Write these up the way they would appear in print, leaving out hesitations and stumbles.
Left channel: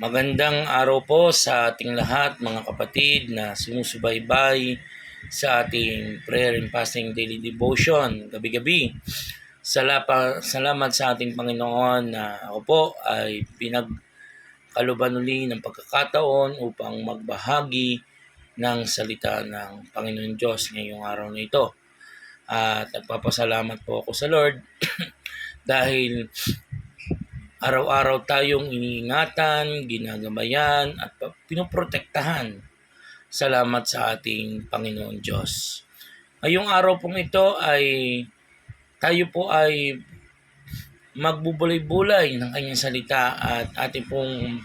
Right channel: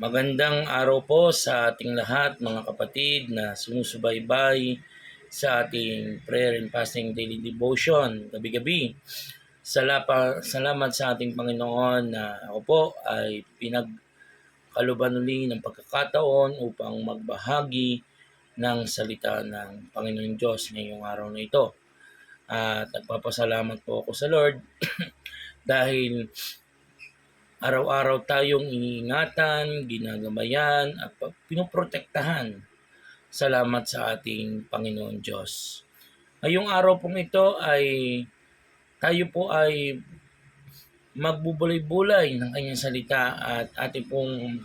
Magandang araw po sa ating lahat mga kapatid na sumusubaybay sa ating prayer and fasting daily devotion gabi-gabi. Salamat sa ating Panginoon na ako po ay pinagkaluban uli ng pagkakataon upang magbahagi ng salita ng Panginoon Diyos ngayong araw na ito. At nagpapasalamat po ako sa Lord dahil araw-araw tayong iniingatan, ginagabayan at pinoprotektahan. Salamat sa ating Panginoon Diyos. Ngayong araw pong ito ay tayo po ay magbubulay-bulay ng kanyang salita at ating pong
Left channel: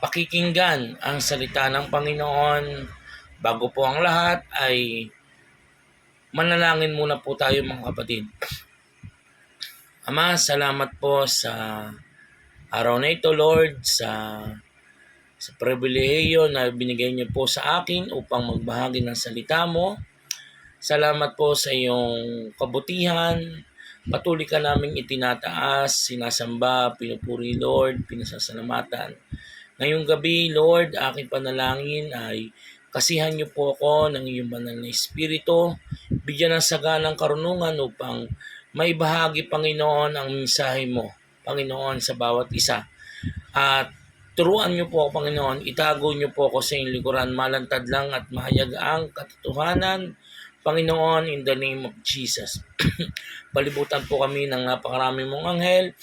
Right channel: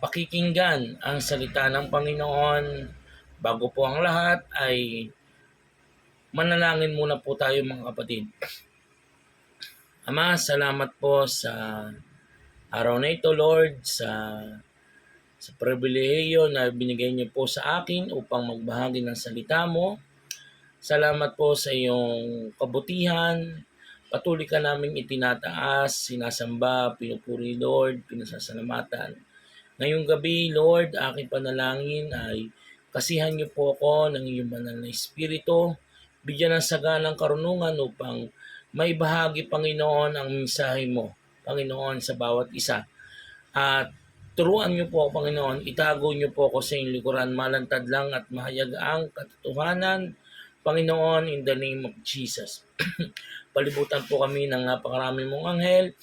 pakikinggan ang salita ng Panginoon. Bago po ang lahat ay manalangin muna po tayo mga kapatid. Ama, salamat po sa araw na ito, Lord, sa pribilehiyo na binigay niyo po sa akin upang magbahagi ng salita mo. Salamat po sa iyong kabutihan. Patuloy ka naming itinataas, sinasamba, pinupuri, Lord, pinasasalamatan. Ngayong gabi, Lord, aking panalangin ay kasihan niyo po ako ng iyong banal na Espiritu. Bigyan ng saganang karunungan upang may bahagi, Panginoon, ang mensahe mo, Panginoon, sa bawat isa. At turuan niyo po, Panginoon, itago niyo po ako sa iyong likuran, malantad lang at mahayag ang katotohanan, Panginoon, in the name of Jesus. Palibutan po kami ng napakarami mong anghel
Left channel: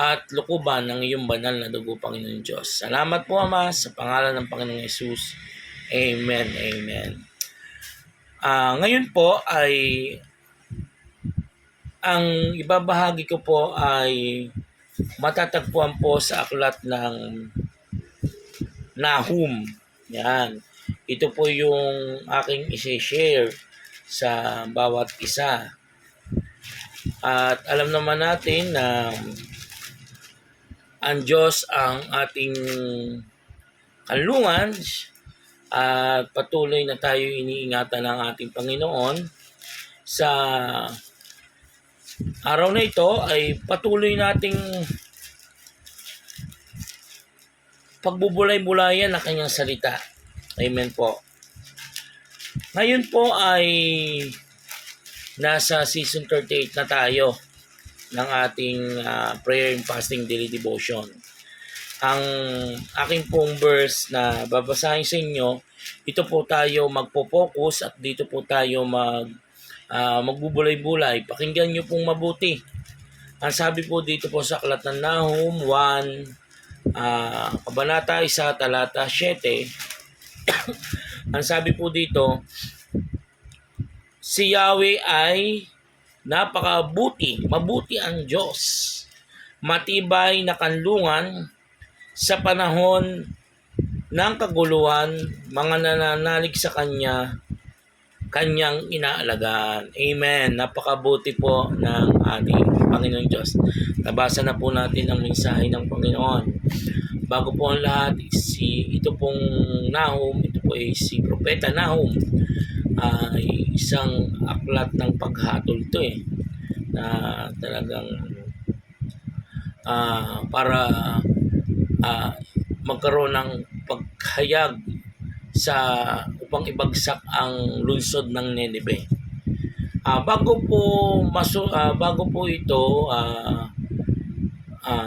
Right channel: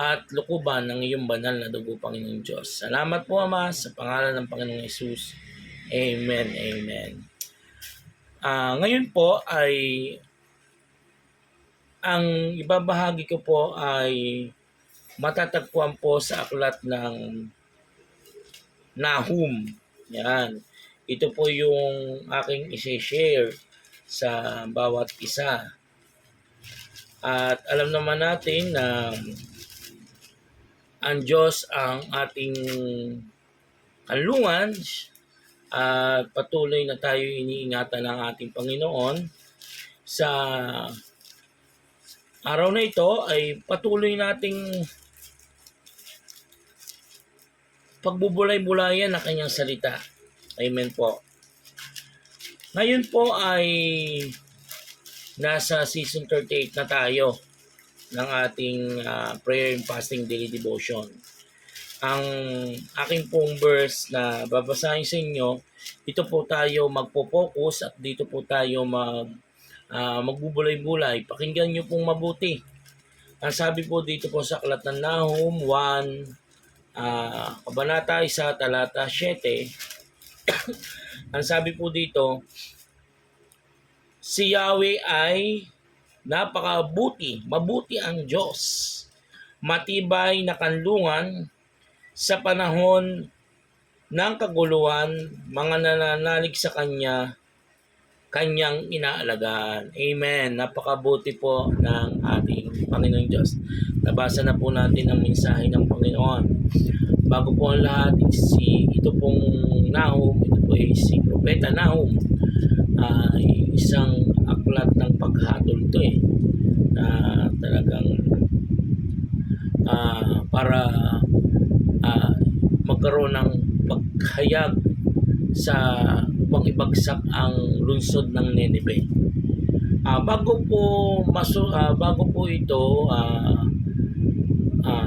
at lukuban ng iyong banal na dugo, Panginoon Diyos. Salamat po, Ama, sa pangalan ng Panginoong Yesus. Amen, amen. Ngayon po ay ang ibabahagi ko po ay matatagpuan po sa aklat ng Nahum. Yan. Ito po yung aking isi-share sa bawat isa. At alam naman natin na ang Diyos ang ating kanlungan at patuloy na tayo iniingatan ng ating Panginoon. Sa araw na ito ay patuloy nating pagbubulay-bulayan ng kanyang salita. Amen po. Ngayon po ay nasa season 38 na tayo ng ating prayer and fasting daily devotion. Ang aking pong verse na babasahin sa inyo, ito po tayo magpo-focus at dito po tayo magbubulay-bulay. Pakinggan nyo pong mabuti. Ang sabi po dito po sa aklat ng Nahum 1, Kabanata 1, talata 7, ang sabi po dito, si Yahweh ay napakabuti, mabuti ang Diyos, matibay na kanlungan sa panahon ng kaguluhan, mga nananalig sa kanyang inaalagaan. Amen. Napakabuti po ng ating Panginoong Diyos. Nabasa na po natin ang mensahe ng Panginoon. Bago po ang lahat, ito pong Nahum, ito po ay si Propeta Nahum, ay isang aklat ng paghatol ito na talagang para magkaroon ng paghayag upang ibagsak ang lungsod ng Nineveh. Bago po ito,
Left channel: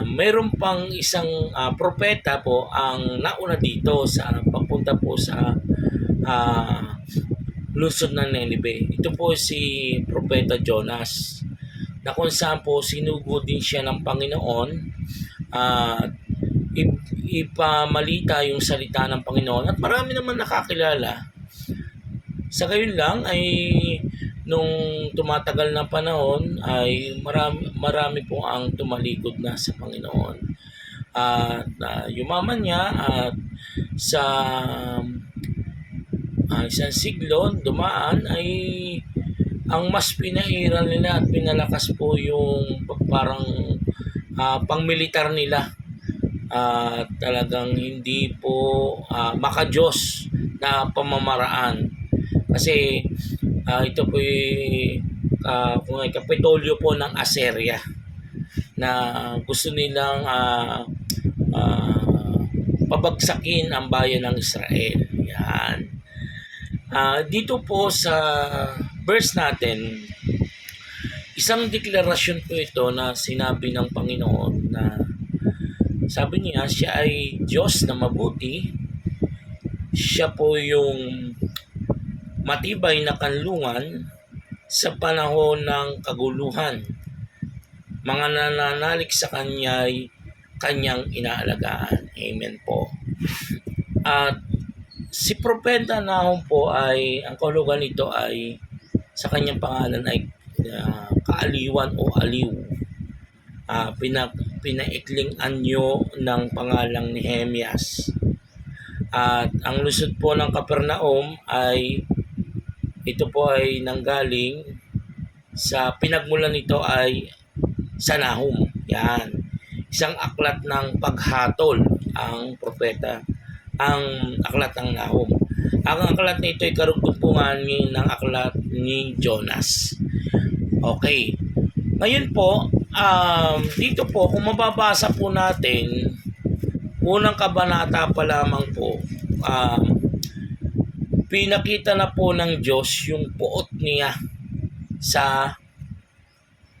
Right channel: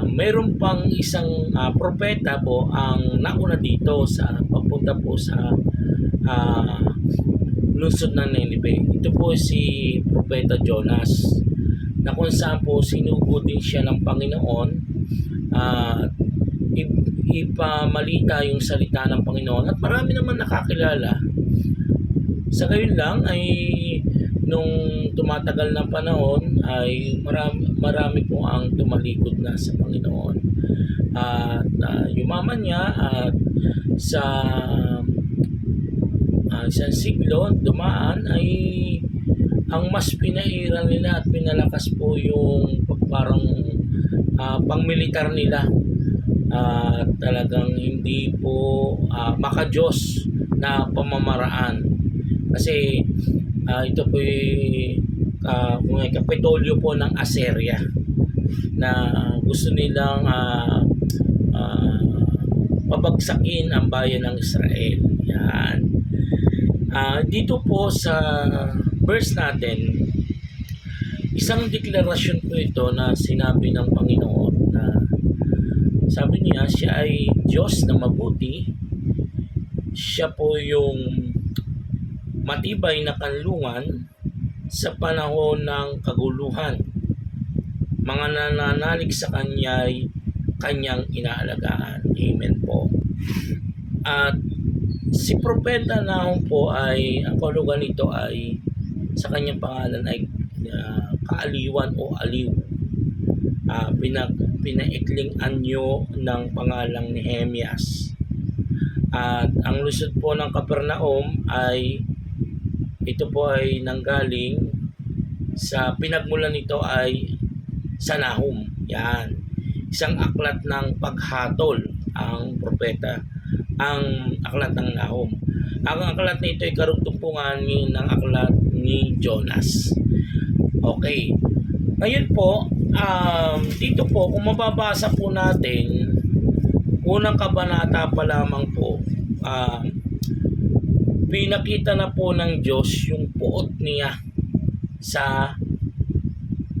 mayroon pang isang propeta po ang nauna dito sa papunta po sa lungsod ng Nineveh. Ito po si Propeta Jonas, na kung saan po sinugo din siya ng Panginoon at ipamalita yung salita ng Panginoon, at marami naman nakakilala. Sa gayon lang ay nung tumatagal ng panahon ay marami po ang tumalikod na sa Panginoon. At yumaman niya at sa isang siglo dumaan ay ang mas pinairal nila at pinalakas po yung parang pangmilitar nila. Talagang hindi po maka-Diyos na pamamaraan. Kasi ito po kung ay kapitolyo po ng Assyria na gusto nilang pabagsakin ang bayan ng Israel. Yan. Dito po sa verse natin, isang deklarasyon po ito na sinabi ng Panginoon na sabi niya, siya ay Diyos na mabuti. Siya po yung matibay na kanlungan sa panahon ng kaguluhan. Mga nananalig sa Kanya ay Kanyang inaalagaan. Amen po. At si Propeta Nahum po ay, ang kahulugan nito ay, sa kanyang pangalan ay kaaliwan o aliw. Pinaikling anyo ng pangalang Nehemias. At ang lusod po ng Kapernaum ay, ito po ay nanggaling sa pinagmulan nito ay sa Nahum. Yan. Isang aklat ng paghatol ang propeta, ang aklat ng Nahum. Ang aklat na ito ay karugtungan ng aklat ni Jonas. Okay. Ngayon po, dito po, kung mababasa po natin, unang kabanata pa lamang po, pinakita na po ng Diyos yung puot niya sa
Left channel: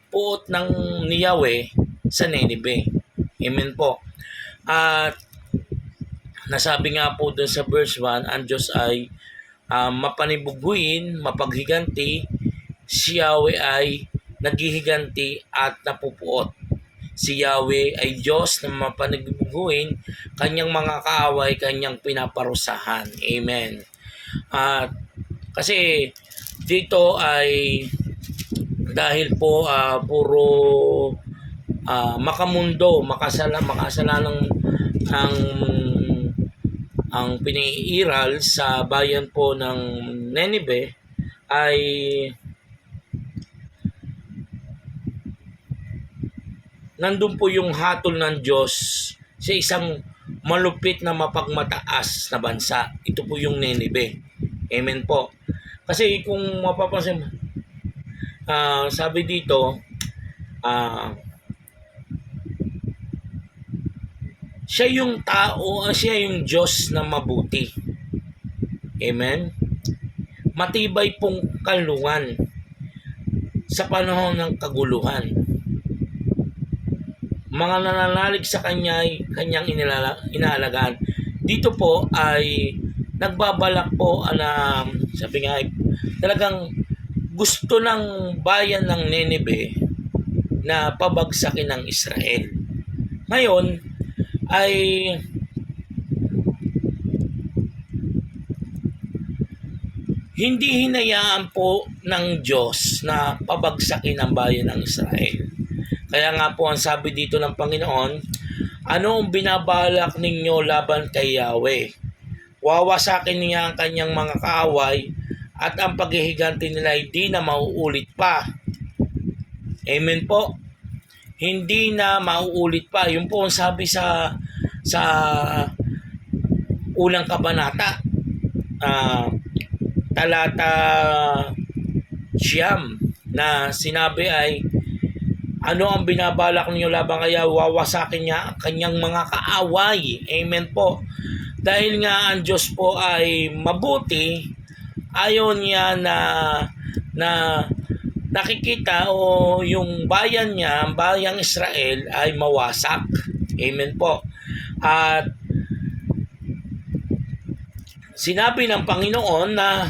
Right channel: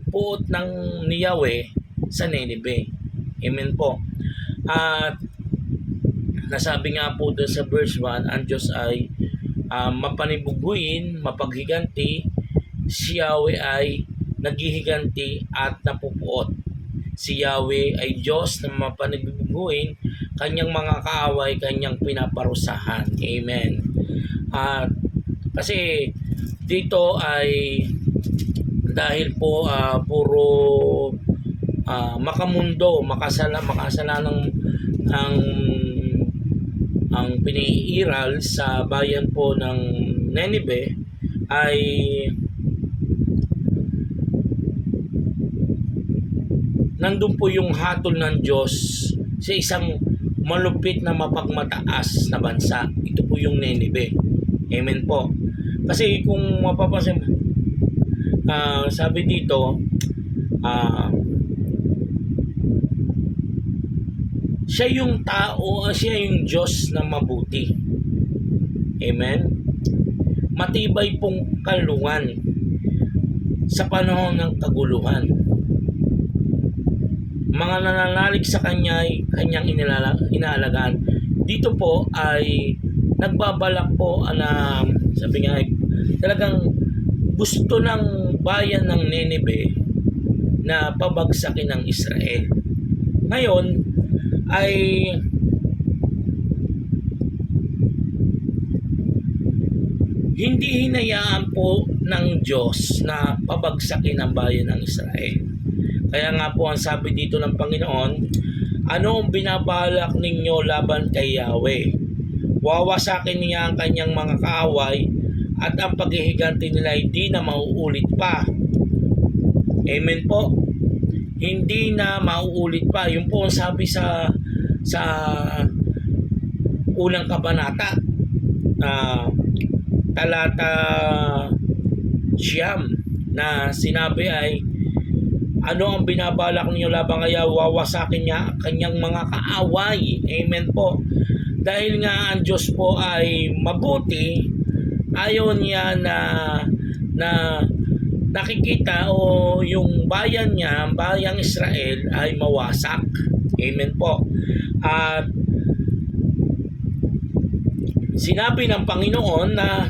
puot ng ni Yahweh sa Nineveh. Amen po. At nasabi nga po doon sa verse 1, ang Diyos ay mapanibubuin, mapaghiganti. Si Yahweh ay naghihiganti at napupuot. Si Yahweh ay Diyos na mapanibubuin, kanyang mga kaaway, kanyang pinaparusahan. Amen. At kasi dito ay dahil po puro makamundo, makasalanang ang piniiral sa bayan po ng Nineveh ay nandun po yung hatol ng Diyos sa isang malupit na mapagmataas na bansa. Ito po yung Nineveh. Amen po. Kasi kung mapapansin, sabi dito, siya yung tao, siya yung Diyos na mabuti. Amen? Matibay pong kalungan sa panahon ng kaguluhan. Mga nananalig sa Kanya ay Kanyang inaalagaan. Dito po ay nagbabalak po na, sabi nga, talagang gusto ng bayan ng Nineveh na pabagsakin ng Israel. Ngayon ay hindi hinayaan po ng Diyos na pabagsakin ang bayan ng Israel. Kaya nga po ang sabi dito ng Panginoon, ano ang binabalak ninyo laban kay Yahweh? Wawasakin niya ang kanyang mga kaaway at ang paghihiganti nila ay di na mauulit pa. Amen po. Hindi na mauulit pa. Yun po ang sabi sa unang kabanata, talata 9, na sinabi ay, ano ang binabalak niyo laban kaya wawasakin niya ang kanyang mga kaaway. Amen po. Dahil nga ang Diyos po ay mabuti, ayaw niya na nakikita o yung bayan niya, ang bayang Israel ay mawasak. Amen po. At sinabi ng Panginoon na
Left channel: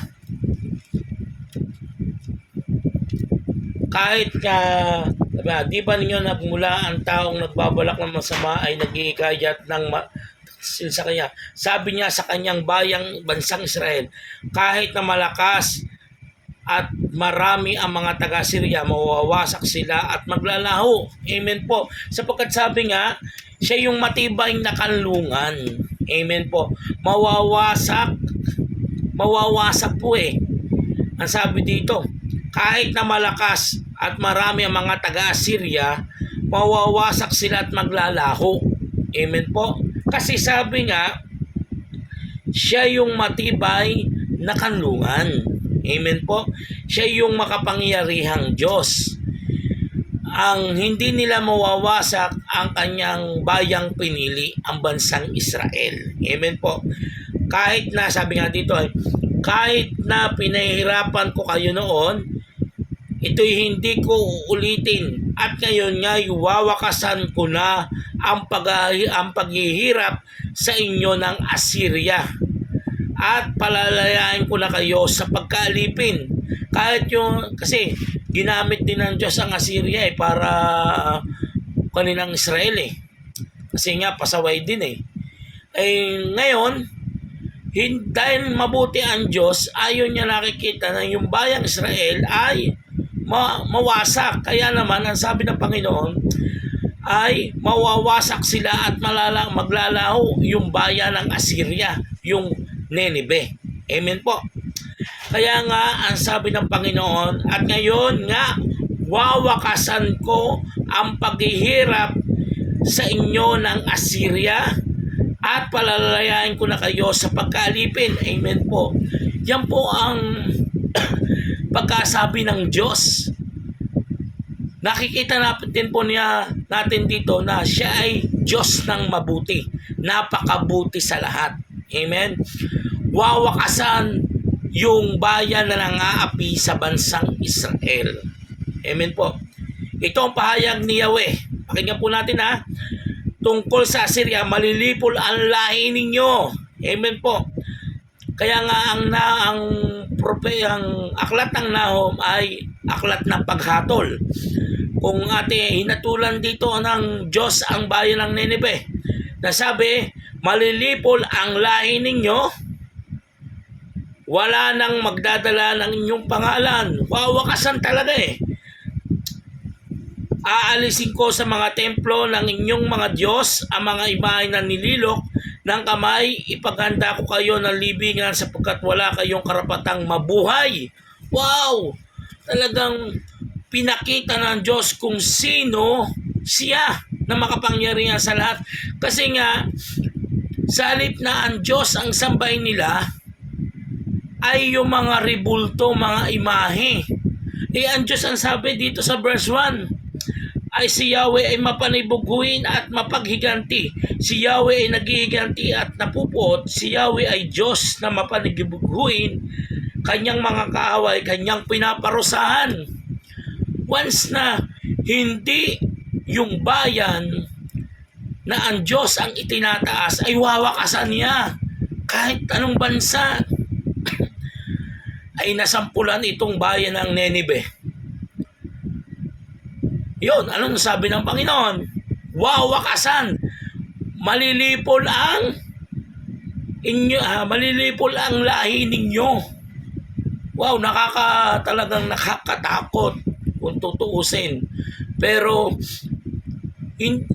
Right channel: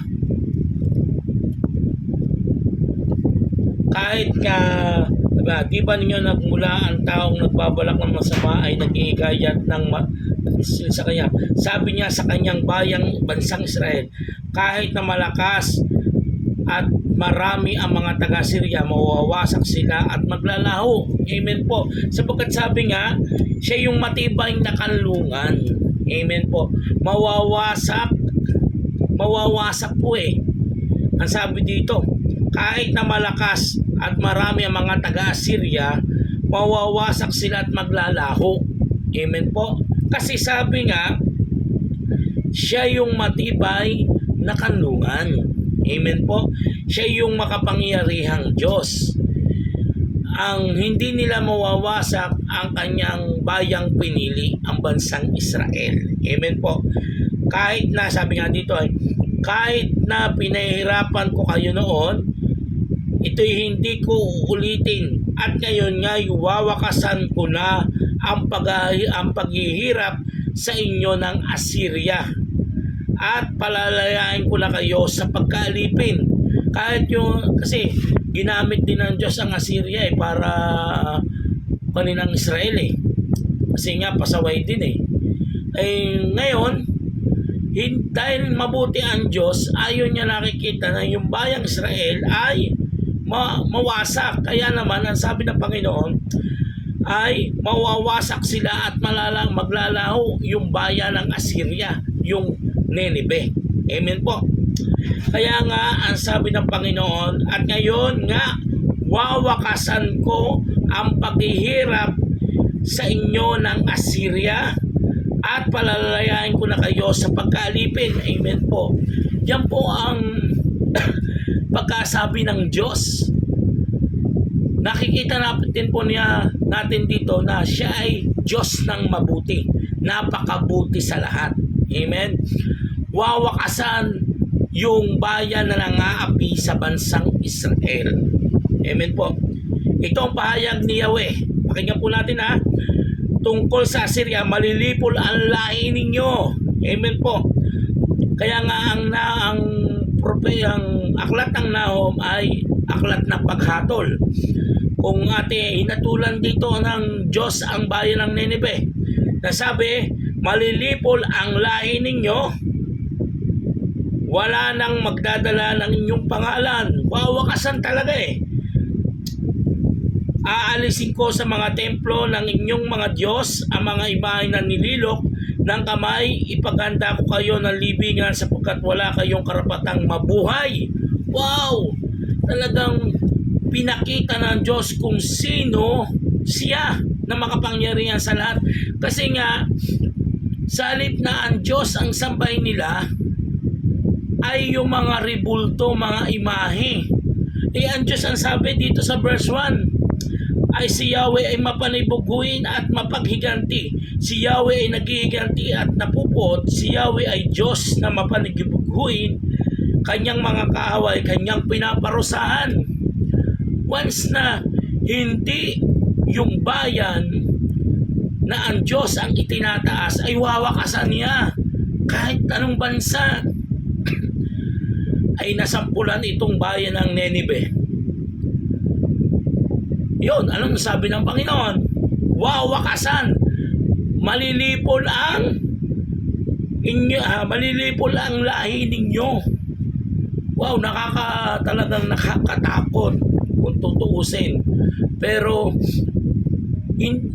kahit nga, di ba ninyo nagmula ang taong nagbabalak ng masama ay naghihikayat ng sa kanya. Sabi niya sa kanyang bansang Israel, kahit na malakas at marami ang mga taga-Syria, mawawasak sila at maglalaho. Amen po. Sapagkat sabi nga, siya yung matibay na kanlungan. Amen po. Mawawasak po eh. Ang sabi dito, kahit na malakas at marami ang mga taga-Assyria, mawawasak sila at maglalaho. Amen po. Kasi sabi nga, siya yung matibay na kanlungan. Amen po. Siya yung makapangyarihang Diyos. ang hindi nila mawawasak ang kanyang bayang pinili, ang bansang Israel. Amen po. Kahit na, sabi nga dito ay, kahit na pinahirapan ko kayo noon, ito'y hindi ko uulitin. At ngayon nga, wawakasan ko na ang paghihirap sa inyo ng Assyria. At palalayain ko na kayo sa pagkaalipin. Kahit yung, kasi ginamit din ng Diyos ang Assyria para kaninang Israel Kasi nga, pasaway din ngayon, dahil mabuti ang Diyos, ayaw niya nakikita na yung bayang Israel ay mawasak. Kaya naman, ang sabi ng Panginoon ay mawawasak sila at maglalaho yung bayan ng Assyria, yung Nineveh. Amen po. Kaya nga, ang sabi ng Panginoon, at ngayon nga, wawakasan ko ang paghihirap sa inyo ng Assyria at palalayain ko na kayo sa pagkaalipin. Amen po. Yan po ang pagkasabi ng Diyos. Nakikita natin po natin dito na siya ay Diyos ng mabuti. Napakabuti sa lahat. Amen. Wawakasan yung bayan na nangaapi sa bansang Israel. Amen po. Ito ang pahayag ni Yahweh. Pakinggan po natin tungkol sa Assyria, malilipol ang lahi ninyo. Amen po. Kaya nga ang aklat ng Nahum ay aklat ng paghatol. Kung hinatulan dito ng Diyos ang bayan ng Nineveh, nasabi, malilipol ang lahi ninyo, wala nang magdadala ng inyong pangalan. Wawakasan talaga Aalisin ko sa mga templo ng inyong mga Diyos ang mga imahe na nililok ng kamay. Ipaganda ko kayo ng libingan sapagkat wala kayong karapatang mabuhay. Wow! Talagang pinakita ng Diyos kung sino siya na makapangyarihan sa lahat. Kasi nga, sa halip na ang Diyos ang sambahin nila, ay yung mga ribulto, mga imahe. Ang Diyos ang sabi dito sa verse 1, ay si Yahweh ay mapanibuguin at mapaghiganti. Si Yahweh ay naghihiganti at napupuot. Si Yahweh ay Diyos na mapanibuguin. Kanyang mga kaaway, kanyang pinaparusahan. Once na hindi yung bayan na ang Diyos ang itinataas, ay wawakasan niya. Kahit anong bansa ay nasampulan itong bayan ng Nineveh. Yun, anong sabi ng Panginoon? Wawakasan. Malilipol ang lahi ninyo. Wow, talagang nakakatakot kung tutuusin. Pero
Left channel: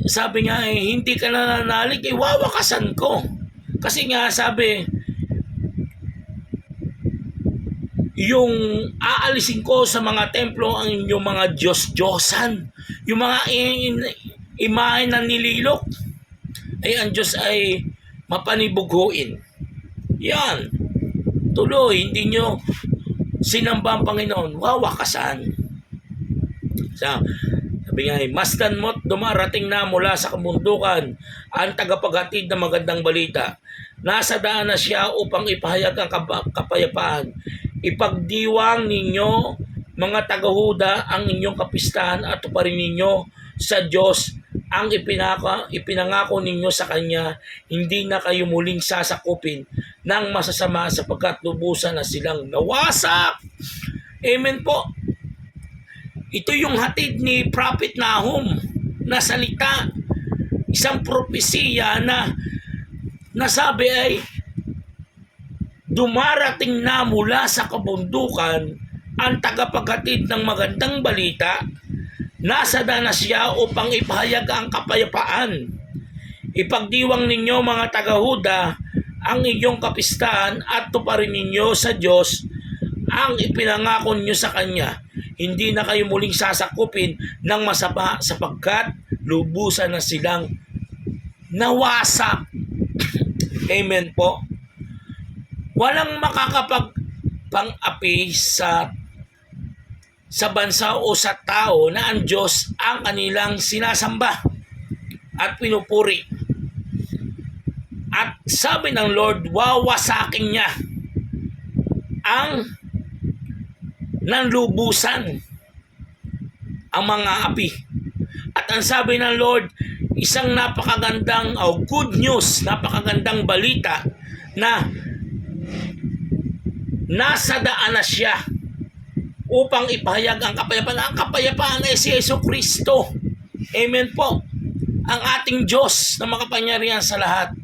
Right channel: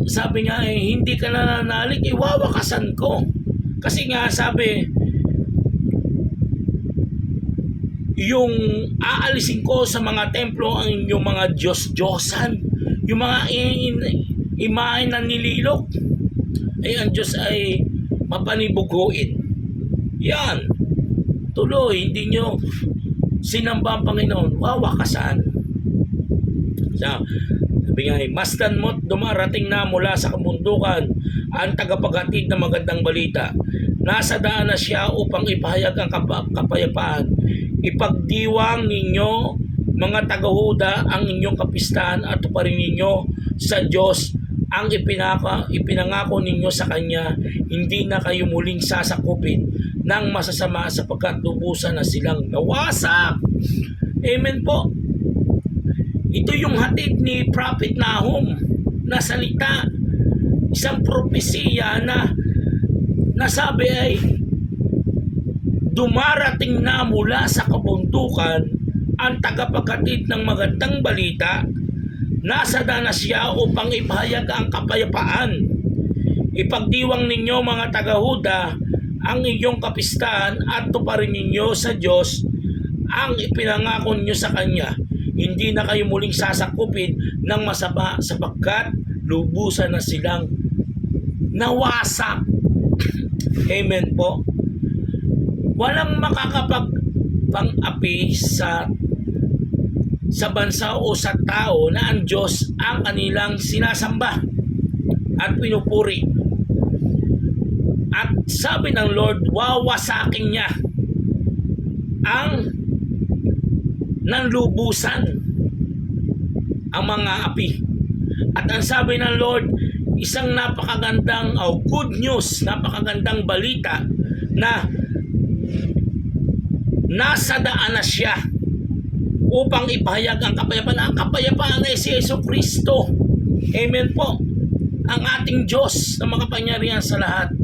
sabi nga hindi ka nananalig, wawakasan ko. Kasi nga sabi, yung aalisin ko sa mga templo ang inyong mga Diyos-Diyosan, yung mga imahe na nililok, ang Diyos ay mapanibuguin. Yan. Tuloy, hindi nyo sinamba ang Panginoon, wawakasan. Sabi nga, masdan mo't dumarating na mula sa kabundukan ang tagapaghatid ng magandang balita. Nasa daan na siya upang ipahayag ang kapayapaan. Ipagdiwang ninyo, mga taga-Huda, ang inyong kapistahan at tuparin ninyo sa Diyos ang ipinangako ninyo sa Kanya. Hindi na kayo muling sasakupin ng masasama sapagkat lubusan na silang nawasak. Amen po. Ito yung hatid ni Prophet Nahum na salita. Isang propesiya na nasabi ay dumarating na mula sa kabundukan ang tagapaghatid ng magandang balita. Nasa daan na siya upang ipahayag ang kapayapaan. Ipagdiwang ninyo mga taga-Huda ang inyong kapistahan at tuparin ninyo sa Diyos ang ipinangako ninyo sa Kanya. Hindi na kayo muling sasakupin ng masama sapagkat lubusan na silang nawasak. Amen po. Walang makakapagpang-api sa sa bansa o sa tao na ang Diyos ang kanilang sinasamba at pinupuri. At sabi ng Lord, wawasakin niya ang nanlubusan ang mga api. At ang sabi ng Lord, isang napakagandang good news, napakagandang balita na nasa daan na siya upang ipahayag ang kapayapaan. Ang kapayapaan ay si Yesu Kristo. Amen po. Ang ating Diyos na makapangyarihan sa lahat.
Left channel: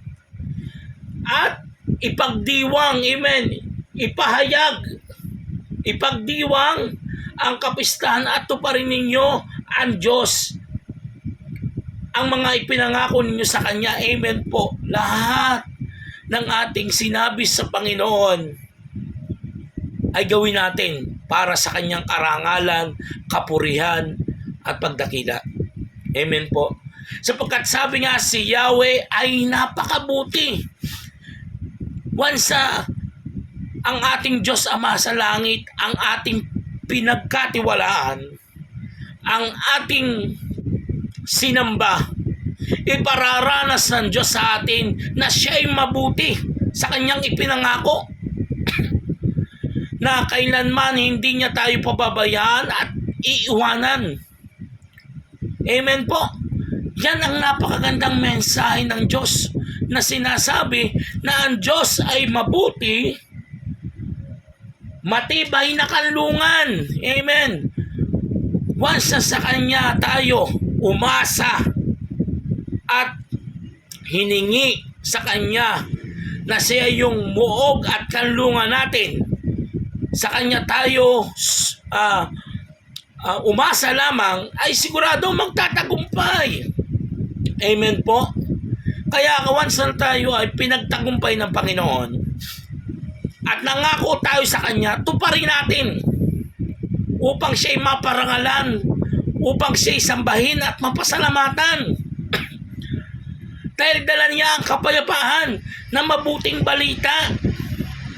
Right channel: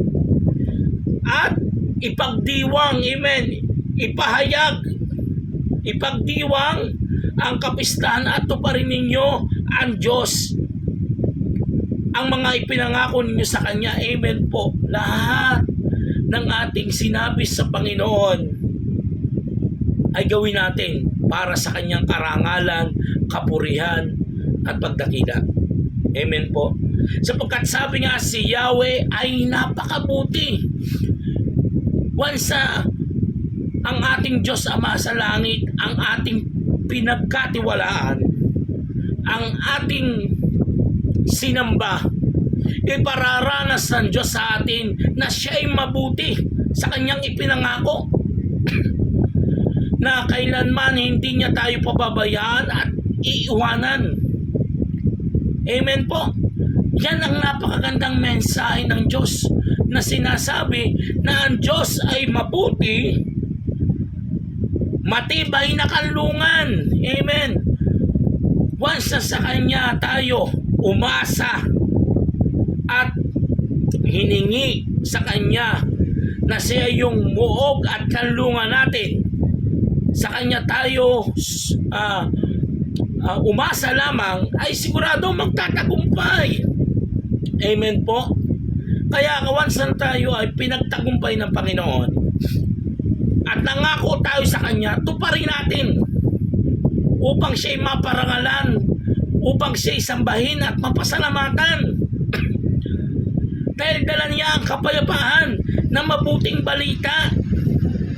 At ipagdiwang, amen, ipagdiwang ang kapistahan at tuparin ninyo ang Diyos ang mga ipinangako ninyo sa Kanya. Amen po. Lahat ng ating sinabi sa Panginoon ay gawin natin para sa Kanyang karangalan, kapurihan, at pagdakila. Amen po. Sapagkat sabi nga si Yahweh ay napakabuti. Once ang ating Diyos Ama sa langit, ang ating pinagkatiwalaan, ang ating sinamba, ipararanas ng Diyos sa atin na siya ay mabuti sa Kanyang ipinangako na kailanman hindi niya tayo pababayaan at iiwanan. Amen po. Yan ang napakagandang mensahe ng Diyos na sinasabi na ang Diyos ay mabuti, matibay na kanlungan. Amen. Once na sa Kanya tayo umasa at hiningi sa Kanya na siya yung muog at kanlungan natin, sa Kanya tayo umasa lamang, ay sigurado magtatagumpay. Amen po. Kaya once na tayo ay pinagtagumpay ng Panginoon at nangako tayo sa Kanya, tuparin natin upang siya'y maparangalan, upang siya'y sambahin at mapasalamatan. Dahil dala niya ang kapayapaan na mabuting balita.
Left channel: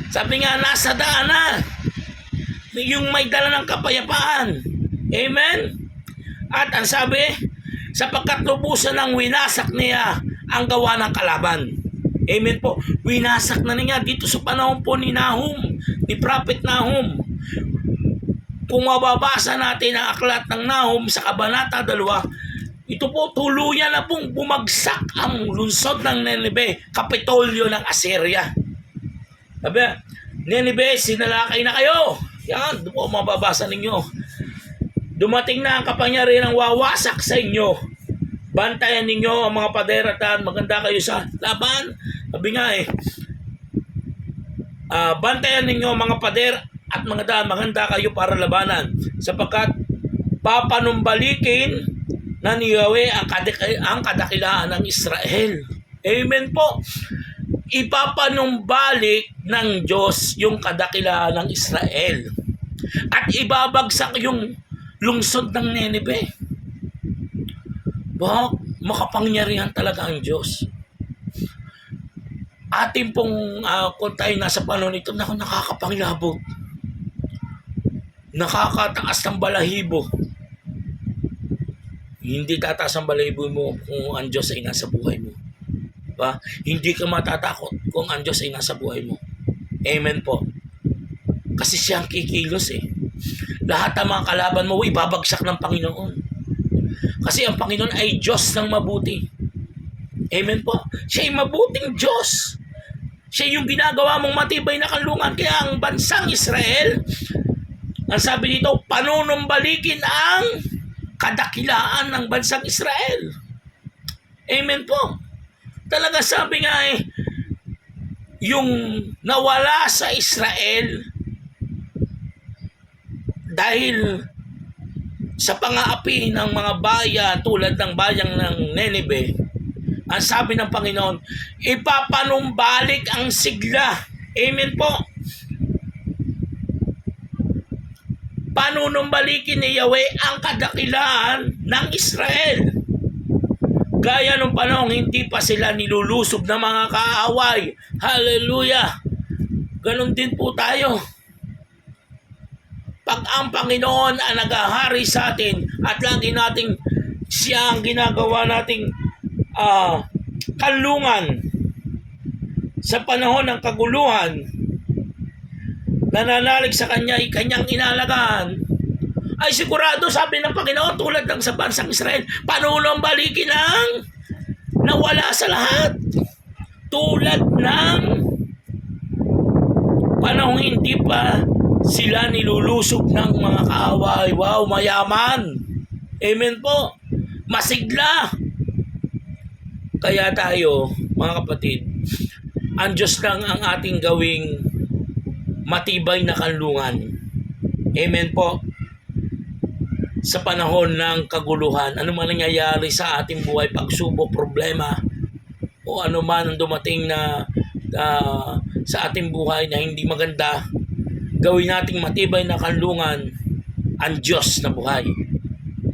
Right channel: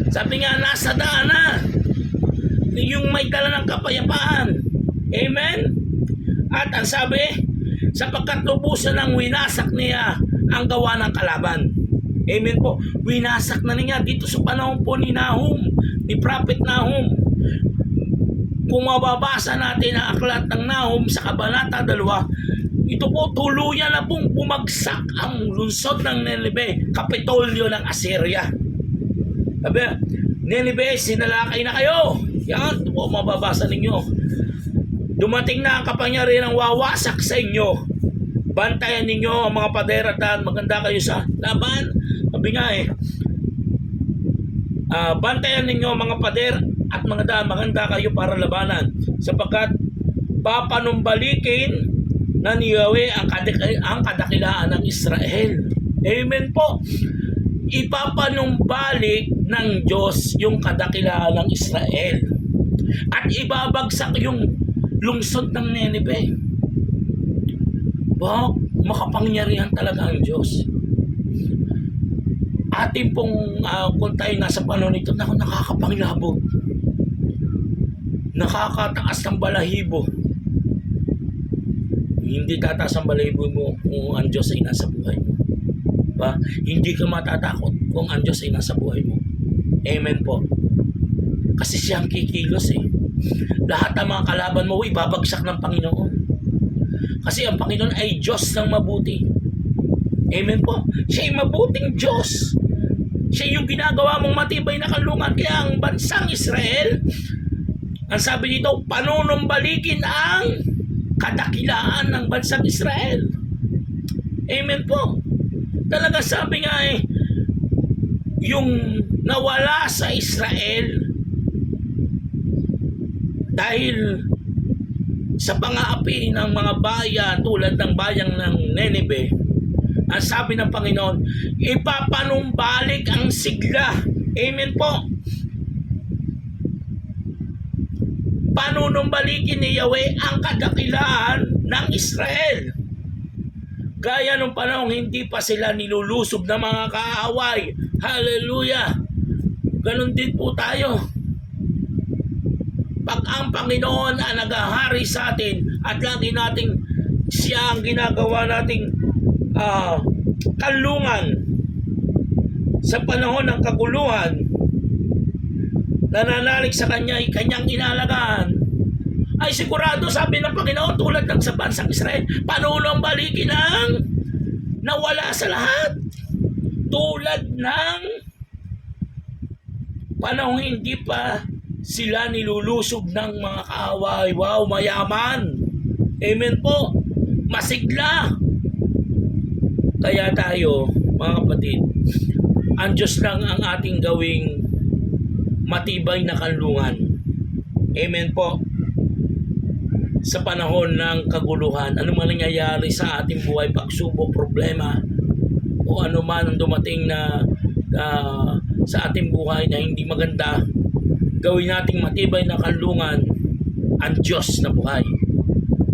Sabi nga, nasa daan na yung may dala ng kapayapaan. Amen? At ang sabi, sapagkat lubusan ng winasak niya ang gawa ng kalaban. Amen po. Winasak na niya dito sa panahon po ni Nahum, ni Prophet Nahum. Kung mababasa natin ang aklat ng Nahum sa Kabanata 2, ito po tuluyan na pong bumagsak ang lungsod ng Nineveh, kapitolyo ng Assyria. Sabi, Nineveh, sinalakay na kayo. Yan, po mababasa ninyo. Dumating na ang kapangyarihan ng wawasak sa inyo. Bantayan ninyo ang mga pader at daan. Maganda kayo sa laban. Sabi nga bantayan ninyo ang mga pader at mga daan. Maganda kayo para labanan. Sapagkat papanumbalikin na ni Yahweh ang kadakilaan ng Israel. Amen po. Ipapanumbalik ng Diyos yung kadakilaan ng Israel. At ibabagsak yung lungsod ng Nineveh. Makapangyarihan talaga ang Diyos. Atin pong kung tayo nasa panahon nito, nakakapanglabot, nakakataas ng balahibo. Hindi tataas ang balahibo mo kung ang Diyos ay nasa buhay mo. Hindi ka matatakot kung ang Diyos ay nasa buhay mo. Amen po. Kasi siya ang kikilos Lahat ng mga kalaban mo ibabagsak ng Panginoon. Kasi ang Panginoon ay Diyos ng mabuti. Amen po. Siya ay mabuting Diyos. Siya yung ginagawa mong matibay na kanlungan. Kaya ang bansang Israel, ang sabi dito, panunumbalikin ang kadakilaan ng bansang Israel. Amen po. Talaga sabi nga yung nawala sa Israel dahil sa pang-aapi ng mga bayan tulad ng bayang ng Nineveh, ang sabi ng Panginoon, ipapanumbalik ang sigla. Amen po. Panunumbalikin ni Yahweh ang kadakilaan ng Israel. Gaya nung panahon, hindi pa sila nilulusob ng mga kaaway. Hallelujah! Ganon din po tayo. Pag ang Panginoon ang naghahari sa atin at lagi nating siya ang ginagawa nating kanlungan sa panahon ng kaguluhan, nananalig sa kanyang inalagaan, ay sigurado, sabi ng Panginoon, tulad ng sa bansang Israel, panulong balikin ang nawala sa lahat. Tulad ng panahon hindi pa sila nilulusob ng mga kaaway. Wow, mayaman. Amen po. Masigla. Kaya tayo, mga kapatid, ang Diyos lang ang ating gawing matibay na kanlungan. Amen po. Sa panahon ng kaguluhan, ano man nangyayari sa ating buhay, pagsubok, problema, o ano man ang dumating na sa ating buhay na hindi maganda, gawin nating matibay na kanlungan ang Diyos na buhay,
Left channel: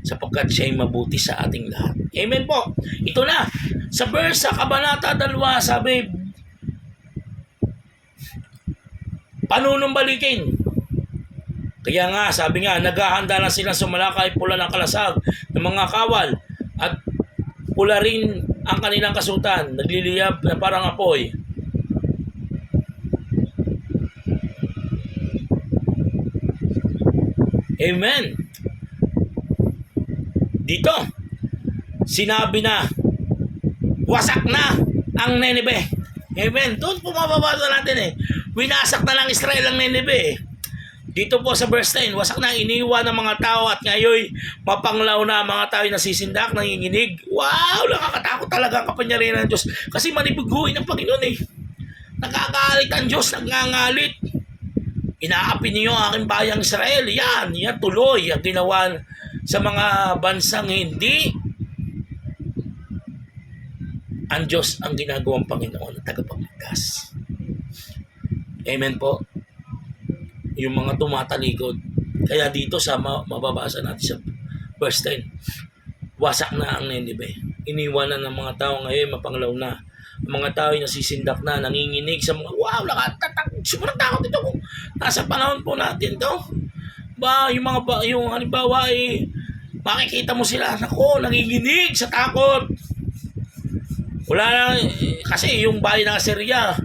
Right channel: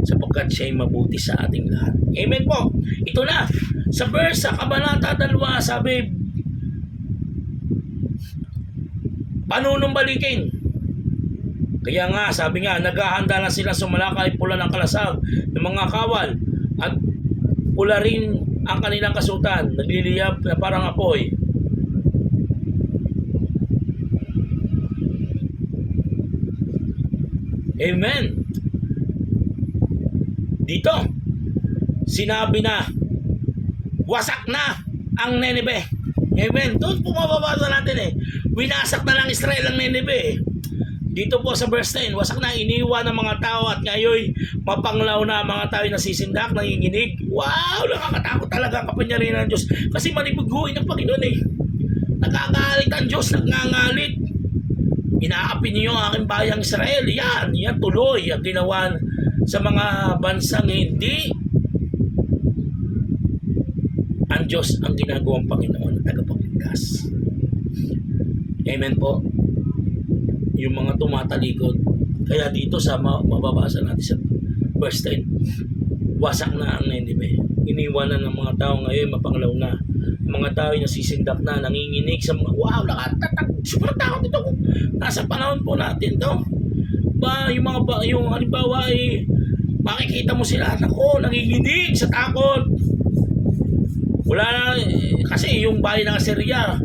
sapagkat siya ay mabuti sa ating lahat. Amen po. Ito na, sa verse sa Kabanata 2, sabi, panunumbalikin. Kaya nga, sabi nga, naghahanda na sila sumalakay pula ng kalasag ng mga kawal at pula rin ang kanilang kasutan, nagliliyab na parang apoy. Amen. Dito, sinabi na, wasak na ang Nineveh. Amen. Doon pumababasa natin eh. Winasak na lang Israel ang Nineveh eh. Dito po sa verse 10, wasak na iniwan ng mga tao at ngayon mapanglaw na mga tao nasisindak, nanginginig. Wow, nakakatakot talaga ang kapangyarihan ng Diyos. Kasi manibiguin ng Panginoon eh. Nakakalit ang Diyos, nagngangalit. Inaapi niyo ang aking bayang Israel. Yan tuloy ang ginawa sa mga bansang hindi ang Diyos ang ginagawang Panginoon at tagapagligtas. Amen po. Yung mga tumatalikod. Kaya dito sa mababasa natin sa verse 10, wasak na ang Nineveh. Iniwanan ng mga tao ngayon, mapanglaw na. Ang mga tao ay nasisindak na, nanginginig sa mga, wow, sobrang takot ito kung nasa panahon po natin to. Yung halimbawa ay makikita mo sila, nako, nanginginig sa takot. Wala na, kasi yung bayan ng Assyria,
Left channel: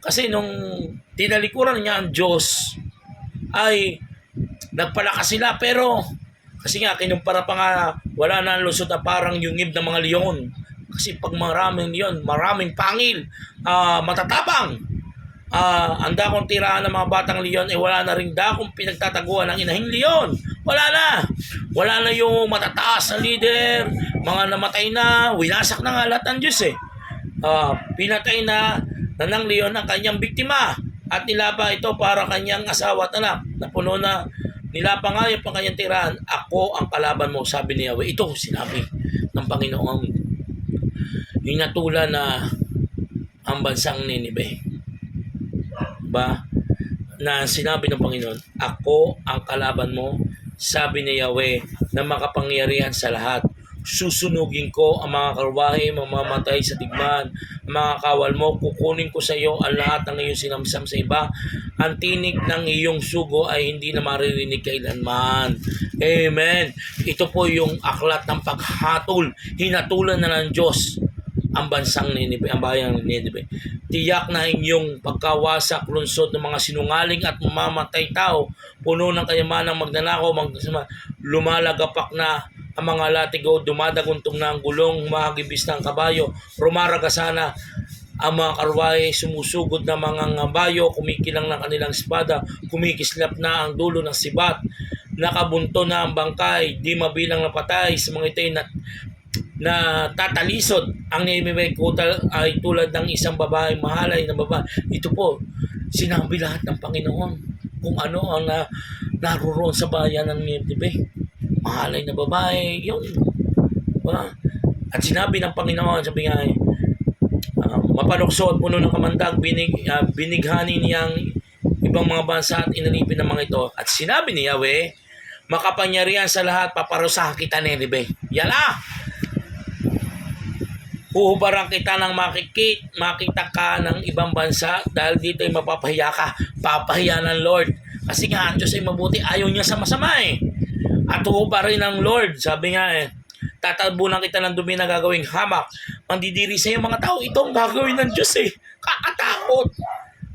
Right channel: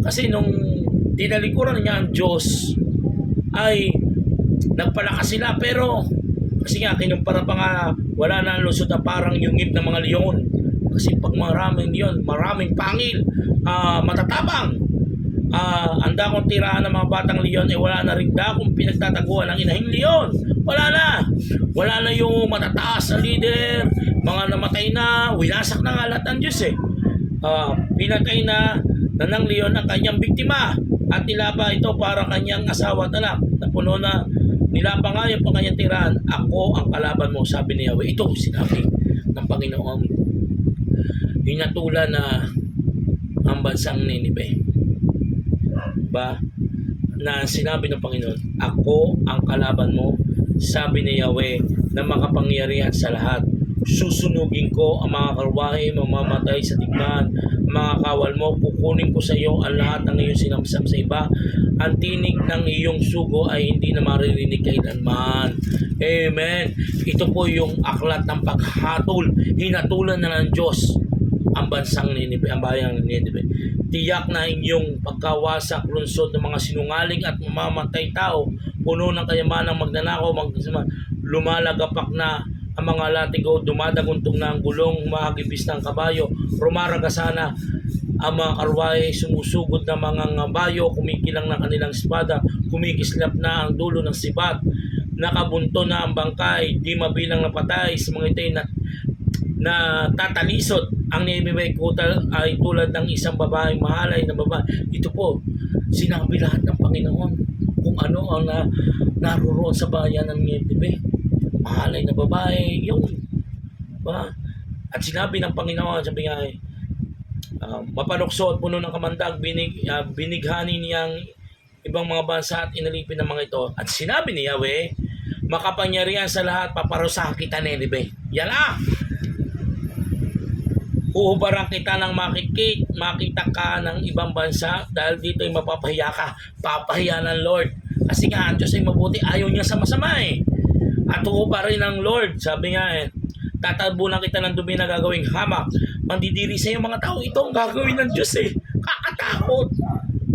kasi nung tinalikuran niya ang Diyos, ay nagpalakas sila, pero kasi nga kinumpara pa nga, wala na lusot na parang yung ng mga leon. Kasi pag maraming leon, maraming pangil, matatapang, ang dakong tiraan ng mga batang leon, wala na rin dakong pinagtataguan ng inahing leon. Wala na yung matataas na leader, mga namatay na, winasak na nga lahat ng Diyos eh. Pinatay na ng leon ang kanyang biktima at nilapa ito para kanyang asawa at anak, na puno na nilapa nga yung kanyang tirahan. Ako ang kalaban mo, sabi ni Yahweh. Ito sinabi ng Panginoon. Hinatulan na ang bansang Nineveh, ba, na sinabi ng Panginoon, ako ang kalaban mo, sabi ni Yahweh, na makapangyarihan sa lahat. Susunugin ko ang mga karwahe, mamamatay sa digmaan, mga kawal mo, kukunin ko sa iyo ang lahat ng iyong sinamsam sa iba. Ang tinig ng iyong sugo ay hindi na maririnig kailanman. Amen. Ito po yung aklat ng paghatol. Hinatulan na ng Diyos ang bansang Nineveh, ang bayang Nineveh. Tiyak na inyong pagkawasak, lunsod ng mga sinungaling at mamamatay tao, puno ng kayamanang magnanakaw, lumalagapak na ang mga latigo, dumadaguntong na ang gulong, humahagibis na ang kabayo, rumaragasana ang mga karwahe, sumusugod na mga ngabayo, kumikilang ng kanilang espada, kumikislap na ang dulo ng sibat, nakabunto na ang bangkay, di mabilang na patay sa mga ito'y na tatalisod. Ang Nineveh ay tulad ng isang babae, mahalay na babae. Ito po, sinabi lahat ng Panginoon kung ano ang naroon sa bayan ng Nineveh. Mahalay na babae, yung at sinabi ng Panginoon, sabi nga, mapanukso at puno ng kamandag, binighani niyang ibang mga bansa at inalipin ng mga ito. At sinabi ni Yahweh, makapangyarihan sa lahat, paparusahan kita Nineveh. Yan Uhubaran kita ng makita ka ng ibang bansa dahil dito ay mapapahiya ka. Papahiya ng Lord Kasi nga, ang Diyos ay mabuti. Ayaw niya sa masama eh. At tuho pa rin ang Lord. Sabi nga eh, tatabunan kita ng dumi na gagawing hamak. Mandidiri sa iyo mga tao. Ito ang gagawin ng Diyos eh. Kakatakot.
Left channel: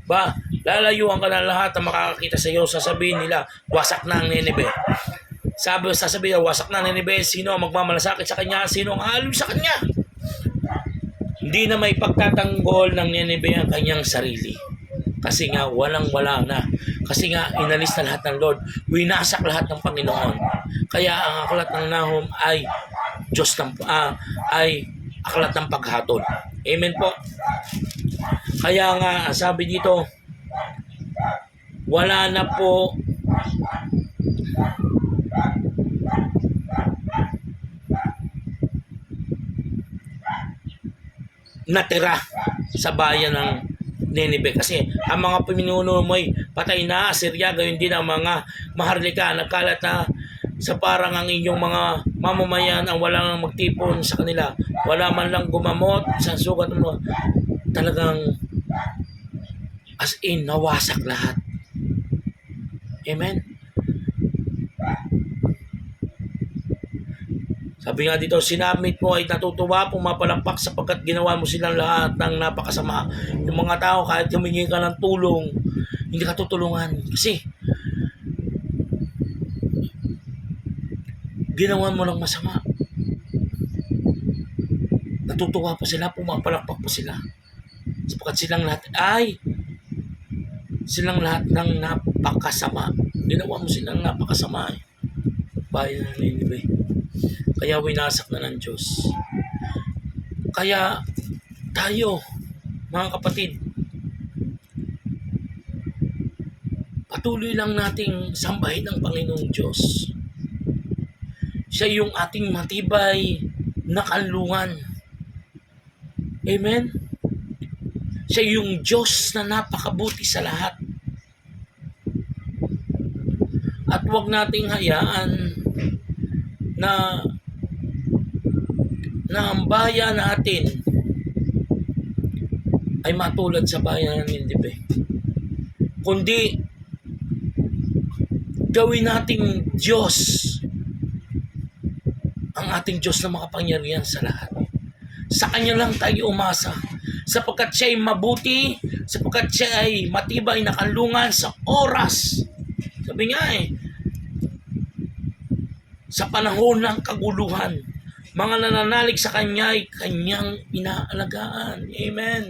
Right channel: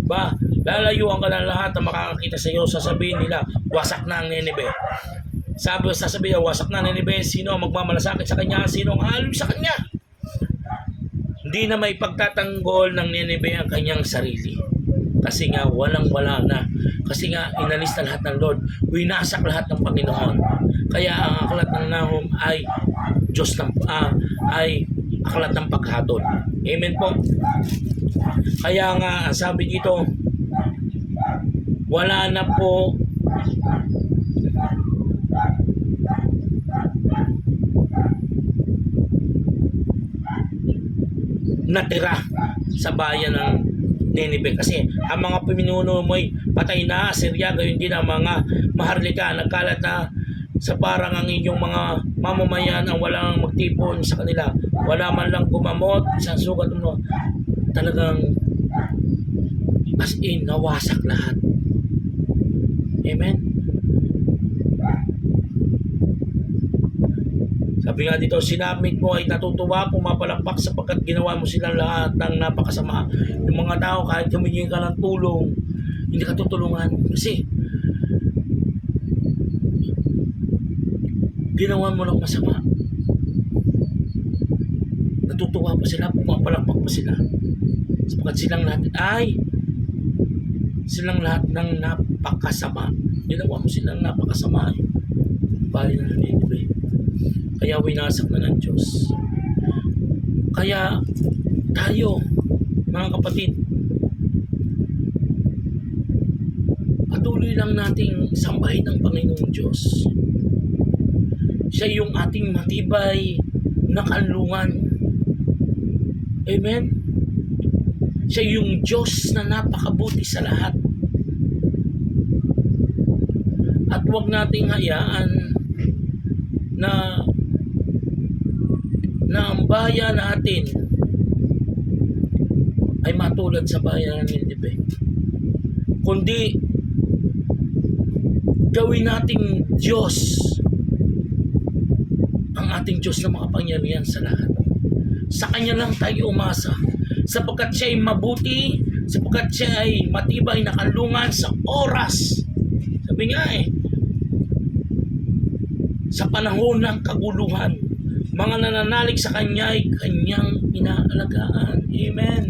Ba, lalayuan ka ng lahat na makakakita sa iyo. Sasabihin nila, wasak na ang Nineveh. Sasabihin nila, wasak na ang Nineveh. Sino ang magmamalasakit sa kanya? Sino ang aalim sa kanya? Hindi na may pagtatanggol ng Nineveh ang kanyang sarili. Kasi nga walang-wala na. Kasi nga inalis na lahat ng Lord. Winasak lahat ng Panginoon. Kaya ang aklat ng Nahum ay ay aklat ng paghatol. Amen po. Kaya nga sabi dito, wala na po natira sa bayan ng Nineveh kasi ang mga pinuno mo ay patay na. Assyria, gayon din ang mga maharlika, nagkalat na sa parang ang inyong mga mamamayan ang walang magtipon sa kanila, wala man lang gumamot sa sugat mo. Talagang as in nawasak lahat. Amen. Sabi nga dito, sinamit mo ay natutuwa, pumapalakpak sapagkat ginawa mo silang lahat ng napakasama. Yung mga tao, kahit humingi ka ng tulong, hindi ka tutulungan. Kasi, ginawa mo ng masama. Natutuwa pa sila, pumapalakpak pa sila. Sapagkat silang lahat ng napakasama. Ginawa mo silang napakasama. Bayan ng Nineveh. Kaya winasak na ng Diyos. Kaya tayo, mga kapatid, patuloy lang nating sambahin ang Panginoong Diyos. Siya yung ating matibay na kanlungan. Amen? Siya yung Diyos na napakabuti sa lahat. At huwag nating hayaan na ang bayan natin ay matulad sa bayan ng Nineveh. Kundi gawin nating Diyos ang ating Diyos na makapangyarihan sa lahat. Sa Kanya lang tayo umasa. Sapagkat siya ay mabuti, sapagkat siya ay matibay na kanlungan sa oras. Sabi nga sa panahon ng kaguluhan, mga nananalig sa Kanya ay Kanyang inaalagaan. Amen.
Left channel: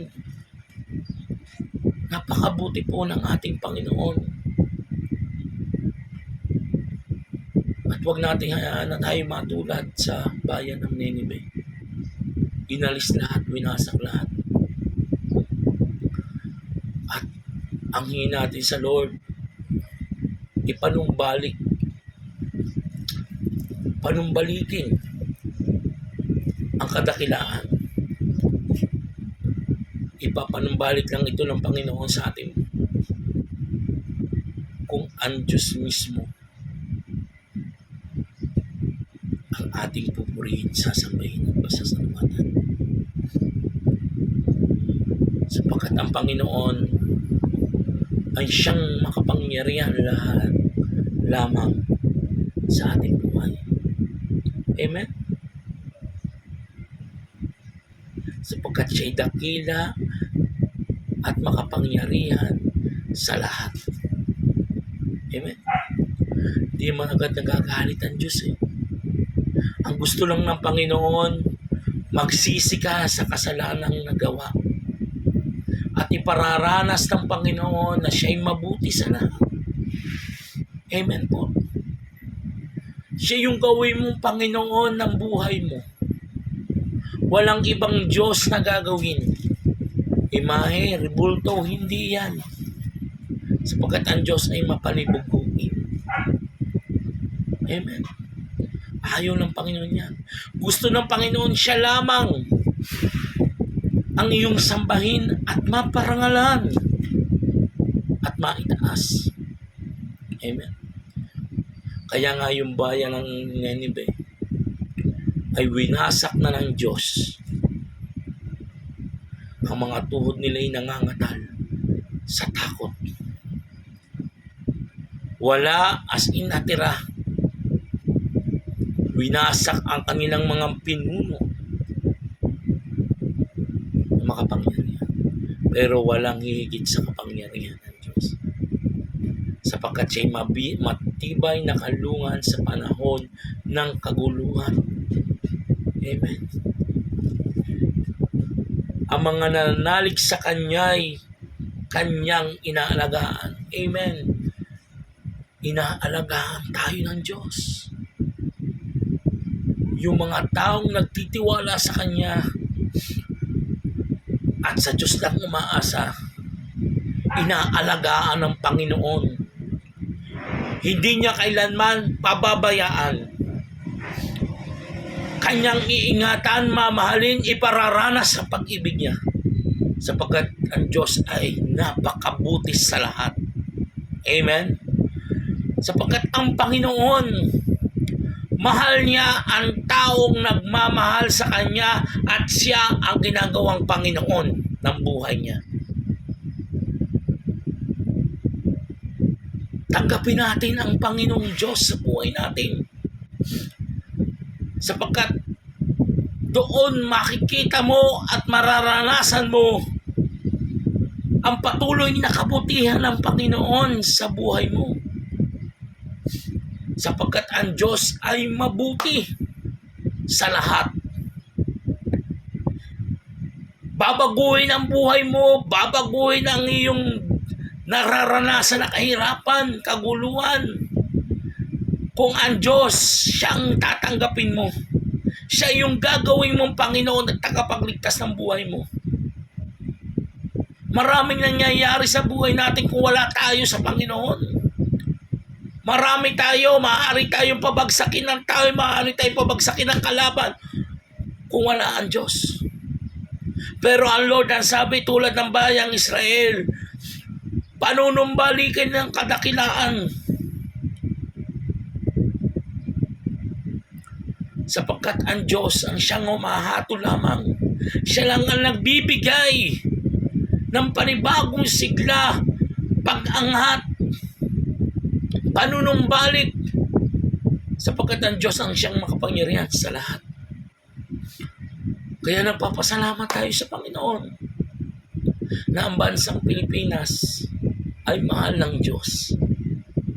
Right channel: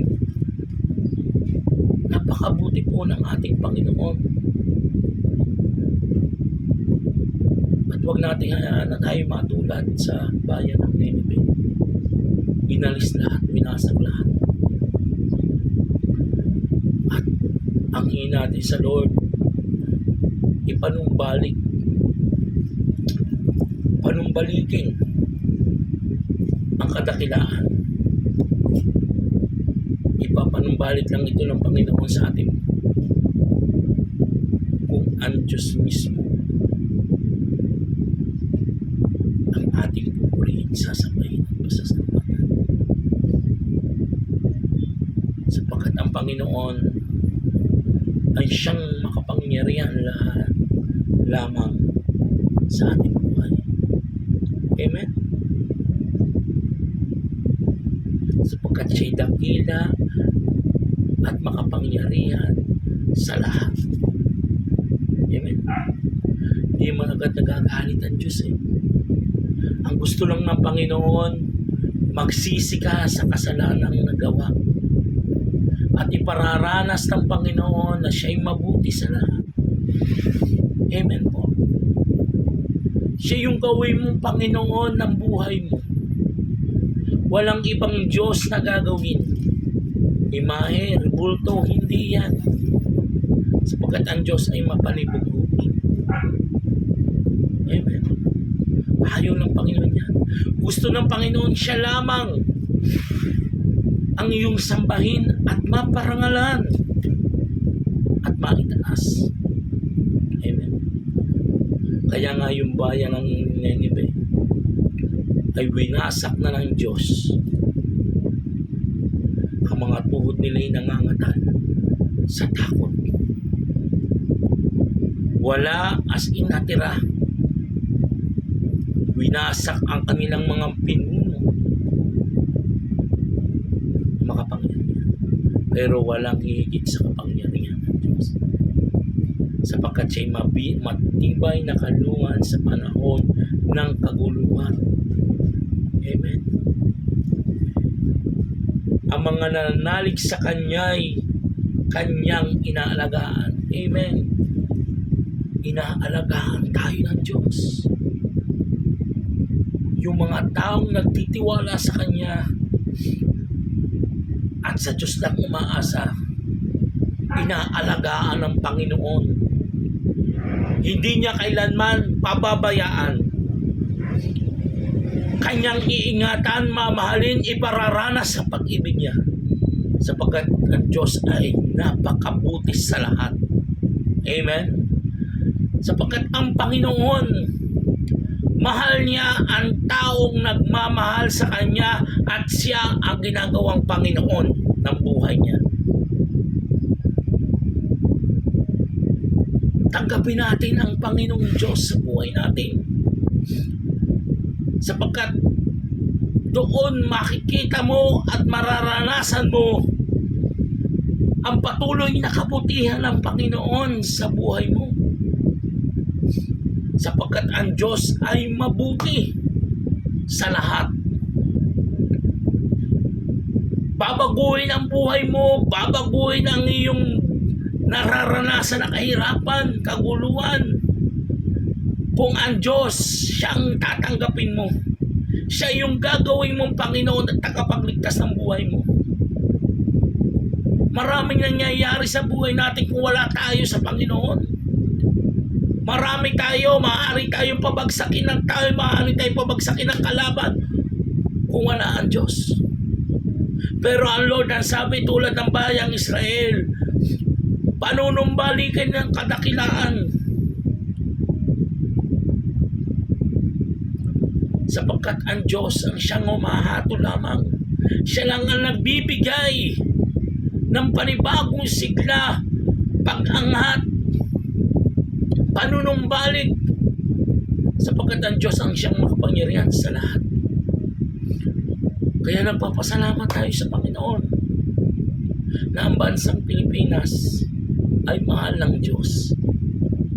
Napakabuti po ng ating Panginoon. At huwag nating hayaan na tayo matulad sa bayan ng Nineveh. Inalis lahat, winasak lahat. At ang hingin natin sa Lord, panumbalikin ang kadakilaan. Ipapanumbalik lang ito ng Panginoon sa atin kung ang Diyos mismo ang ating pupurihin, sasambahin at pasasalamatan. Sapagkat ang Panginoon ay siyang makapangyarihan lahat lamang sa ating buhay. Amen? Sapagkat siya'y dakila at makapangyarihan sa lahat. Amen? Hindi man agad nagagalit ang Diyos Ang gusto lang ng Panginoon, magsisi ka sa kasalanang nagawa. At ipararanas ng Panginoon na siya'y mabuti sa lahat. Amen po. Siya yung gawin mong Panginoon ng buhay mo. Walang ibang Diyos na gagawin. Imahe, rebulto, hindi yan. Sapagkat ang Diyos ay mapanibuguin. Amen. Ayaw ng Panginoon yan. Gusto ng Panginoon siya lamang ang iyong sambahin at maparangalan at maitaas. Amen. Kaya nga yung bayan ng Nineveh ay winasak na ng Diyos. Ang mga tuhod nila ay nangangatal sa takot. Wala, as in natira. Winasak ang kanilang mga pinuno. Makapangyarihan. Pero walang hihigit sa kapangyarihan ng Diyos. Sapagkat siya'y matibay na kalungan sa panahon ng kaguluhan. Amen. Ang mga nananalig sa Kanya'y Kanyang inaalagaan. Amen. Inaalagaan tayo ng Diyos. Yung mga taong nagtitiwala sa Kanya at sa Diyos lang umaasa, inaalagaan ng Panginoon. Hindi niya kailanman pababayaan. Kanyang iingatan, mamahalin, ipararanas sa pag-ibig niya. Sapagkat ang Diyos ay napakabuti sa lahat. Amen? Sapagkat ang Panginoon, mahal niya ang taong nagmamahal sa Kanya at siya ang ginagawang Panginoon ng buhay niya. Tanggapin natin ang Panginoong Diyos sa buhay natin. Sapagkat doon makikita mo at mararanasan mo ang patuloy na kabutihan ng Panginoon sa buhay mo. Sapagkat ang Diyos ay mabuti sa lahat. Babaguhin ang buhay mo, babaguhin ang iyong nararanasan na kahirapan, kaguluhan. Kung ang Diyos siyang tatanggapin mo, siya yung gagawin mong Panginoon at tagapagligtas ng buhay mo. Maraming nangyayari sa buhay natin kung wala tayo sa Panginoon. Marami tayo, maaari tayong pabagsakin ng tao, maaari tayong pabagsakin ng kalaban kung wala ang Diyos. Pero ang Lord ang sabi tulad ng bayang Israel, panunumbalikin ng kadakilaan. Sapagkat ang Diyos ang siyang humahatol lamang. Siya lang ang nagbibigay ng panibagong sigla, pag-angat, panunumbalik. Sapagkat ang Diyos ang siyang makapangyarihan sa lahat. Kaya nagpapasalamat tayo sa Panginoon na ang bansang Pilipinas ay mahal ng Diyos.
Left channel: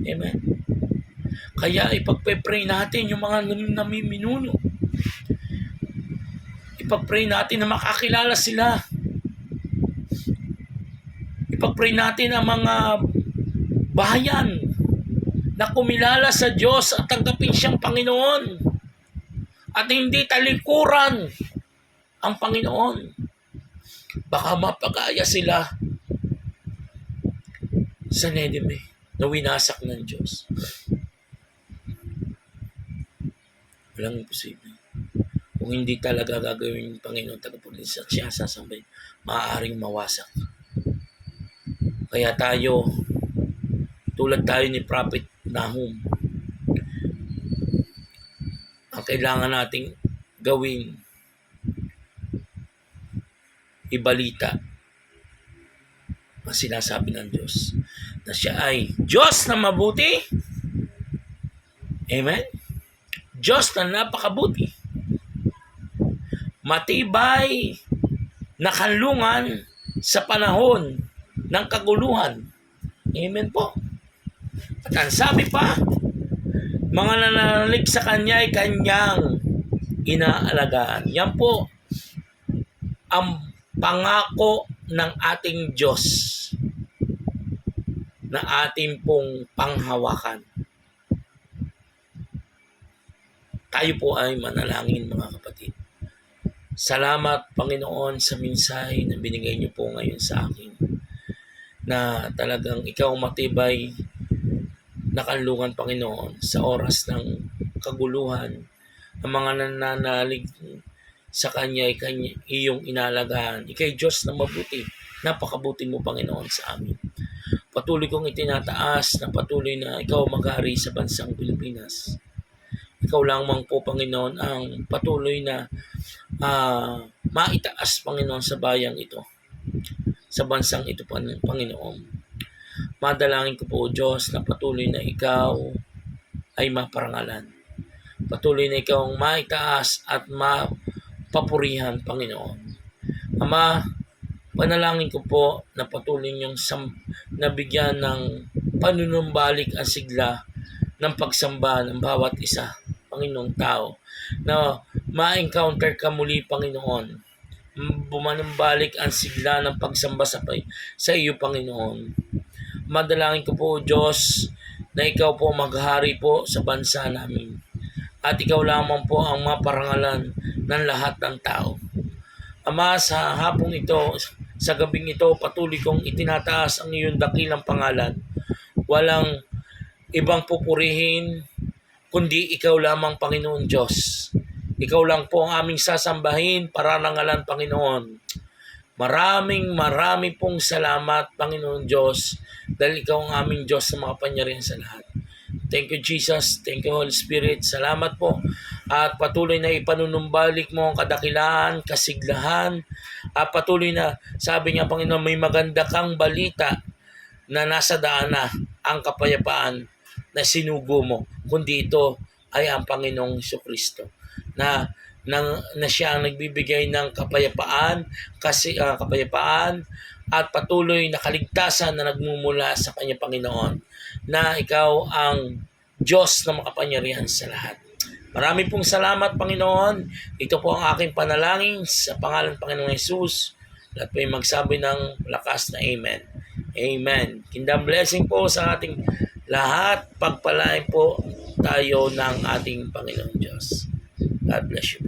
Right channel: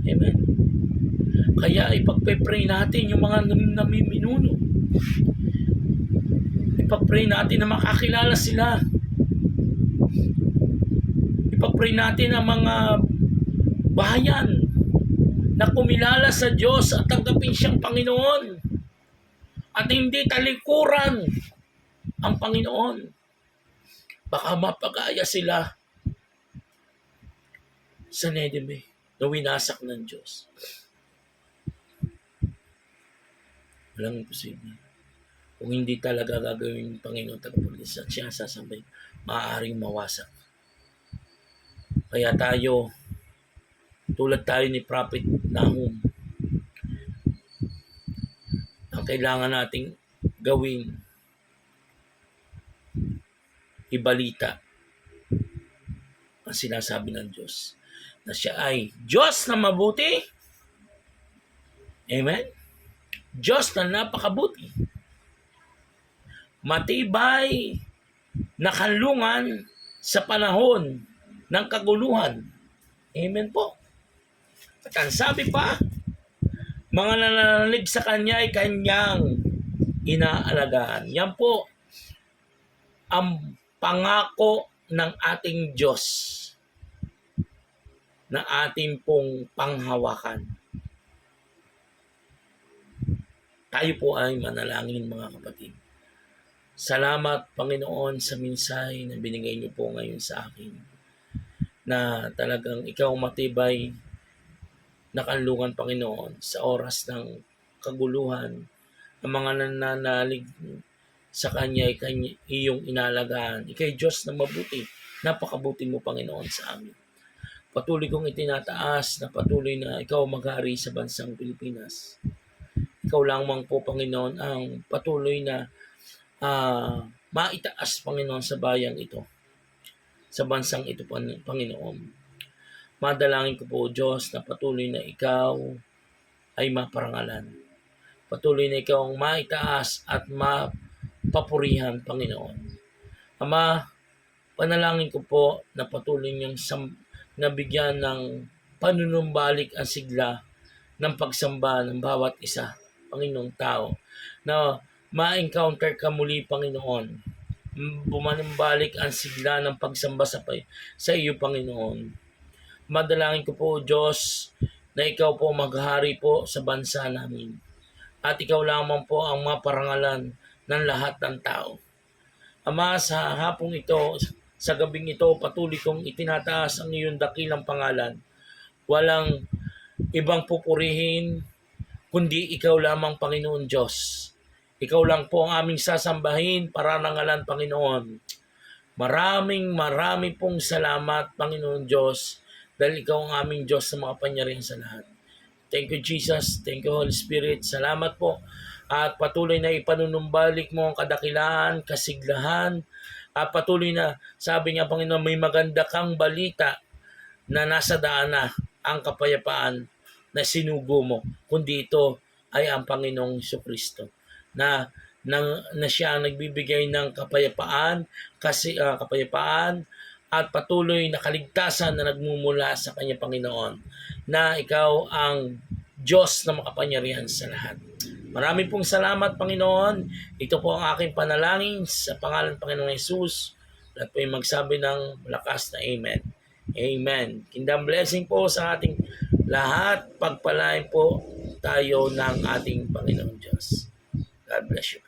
Amen. Kaya ipagpe-pray natin yung mga namiminuno. Ipag-pray natin na makakilala sila. Ipag-pray natin ang mga bayan na kumilala sa Diyos at tanggapin siyang Panginoon. At hindi talikuran ang Panginoon. Baka mapag-aya sila sa Nineveh na winasak ng Diyos. Walang imposible. Kung hindi talaga gagawin ng Panginoon tagapagligtas at siya sasambay, maaaring mawasak. Kaya tayo, tulad tayo ni Prophet Nahum, ang kailangan nating gawin, ibalita ang sinasabi ng Diyos na siya ay Diyos na mabuti. Amen? Diyos na napakabuti. Matibay na kanlungan sa panahon ng kaguluhan. Amen po. At ang sabi pa, mga nananalig sa Kanya ay Kanyang inaalagaan. Yan po ang pangako ng ating Diyos na ating pong panghawakan. Tayo po ay manalangin mga kapatid. Salamat Panginoon sa mensahe na binigay niyo po ngayon sa akin. Na talagang ikaw matibay na kanlungan Panginoon sa oras ng kaguluhan. Ang mga nananalig sa Kanya ay iyong inalagaan. Ika'y Diyos na mabuti. Napakabuti mo Panginoon sa amin. Patuloy kong itinataas na patuloy na ikaw mag-hari sa bansang Pilipinas. Ikaw lamang po Panginoon ang patuloy na maitaas Panginoon sa bayang ito. Sa bansang ito Panginoon. Madalangin ko po, O Diyos, na patuloy na ikaw ay maparangalan. Patuloy na ikaw ang maitaas at mapapurihan, Panginoon. Ama, panalangin ko po na patuloy niyong nabigyan ng panunumbalik ang sigla ng pagsamba ng bawat isa, Panginoong tao, na ma-encounter ka muli, Panginoon. Bumanumbalik ang sigla ng pagsamba sa iyo, Panginoon. Madalangin ko po, Diyos, na ikaw po maghari po sa bansa namin. At ikaw lamang po ang maparangalan ng lahat ng tao. Ama, sa hapong ito, sa gabing ito, patuloy kong itinataas ang iyong dakilang pangalan. Walang ibang pupurihin, kundi ikaw lamang, Panginoon Diyos. Ikaw lang po ang aming sasambahin, pararangalan, Panginoon. Marami pong salamat, Panginoon Diyos, dahil ikaw ang aming Diyos na makapangyarihan sa lahat. Thank you, Jesus. Thank you, Holy Spirit. Salamat po. At patuloy na ipanunumbalik mo ang kadakilaan, kasiglahan. At patuloy na, sabi niya, Panginoon, may maganda kang balita na nasa daan na ang kapayapaan na sinugo mo. Kundi ito ay ang Panginoong Jesucristo na siya ang nagbibigay ng kapayapaan, kapayapaan at patuloy na kaligtasan na nagmumula sa kanya, Panginoon, na ikaw ang Diyos na makapangyarihan sa lahat. Marami pong salamat, Panginoon. Ito po ang aking panalangin sa pangalan ng Panginoong Jesus. Lahat po yung magsabi ng lakas na Amen. Amen. Kingdom blessing po sa ating lahat. Pagpalain po tayo ng ating Panginoong Diyos. God bless you.